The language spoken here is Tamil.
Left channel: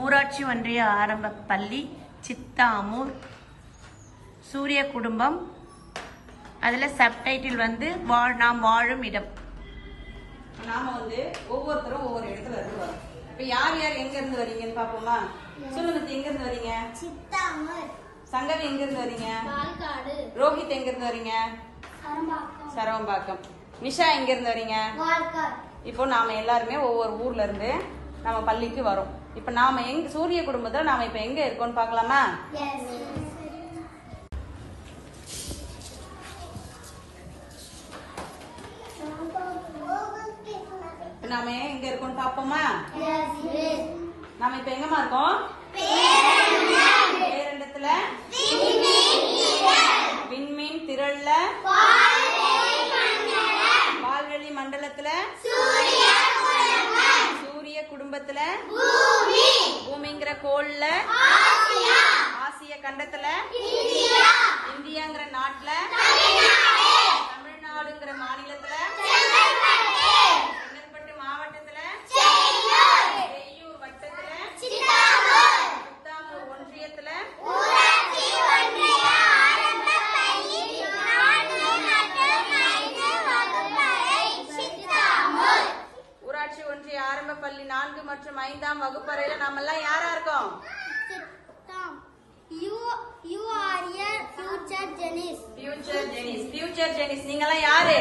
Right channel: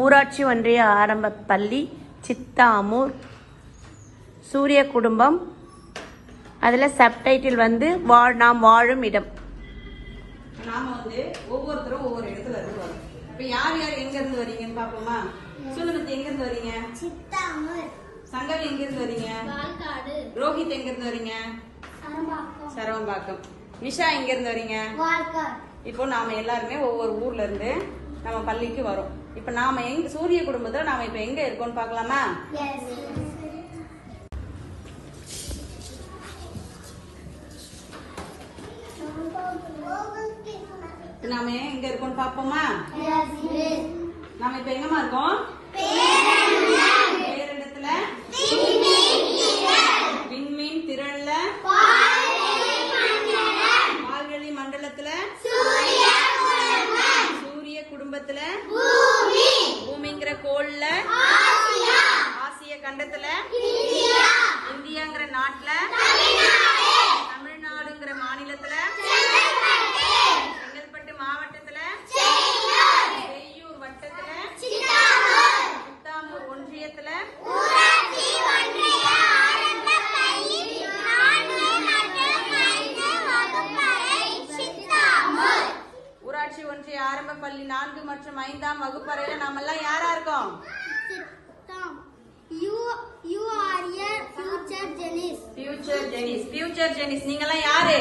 ஊராட்சி ஒன்றிய ஆரம்ப பள்ளி சித்தாமூர் சூரிய குடும்பம். அதில் சப்டைட்டில் வந்து வாழ் நாம் வாழும் இடம். நாம வந்து ஒவ்வொருத்தரும் ஒவ்வொரு இடத்துல இருந்து வரோம். இப்ப யார் யார் எங்க இருந்து வரீங்கன்னு பாப்போமா சொல்லுங்க எங்க இருந்து வரீங்க? சித்தாமர். சங்கவி எங்க இருந்து வரீங்க ரோஹித் எங்க இருந்து வரீங்க? சரம்பாக்கம் சரவம்பாக்கம். நிஷா எங்க இருந்து வரீங்க? வால்காடு. இப்போ நாம எல்லாருமே ஒவ்வொரு ஊர்ல இருந்து நம்ம பள்ளிக்கு வரோம். இப்ப நாம எங்க சூரிய குடும்பத்துல நாம இப்ப எங்க இருக்கோம்னு இப்ப நாம எங்க இருக்கோம்னு பாப்போமா நாம இப்ப எங்கம்மா இருக்கோம்? நான்கு மற்றும் ஐந்தாம் வகுப்பறையில நாம எல்லாம் யாரா இருக்கோம்? you are a future Janice. Future genius future genius நீங்க எல்லாம் யாரு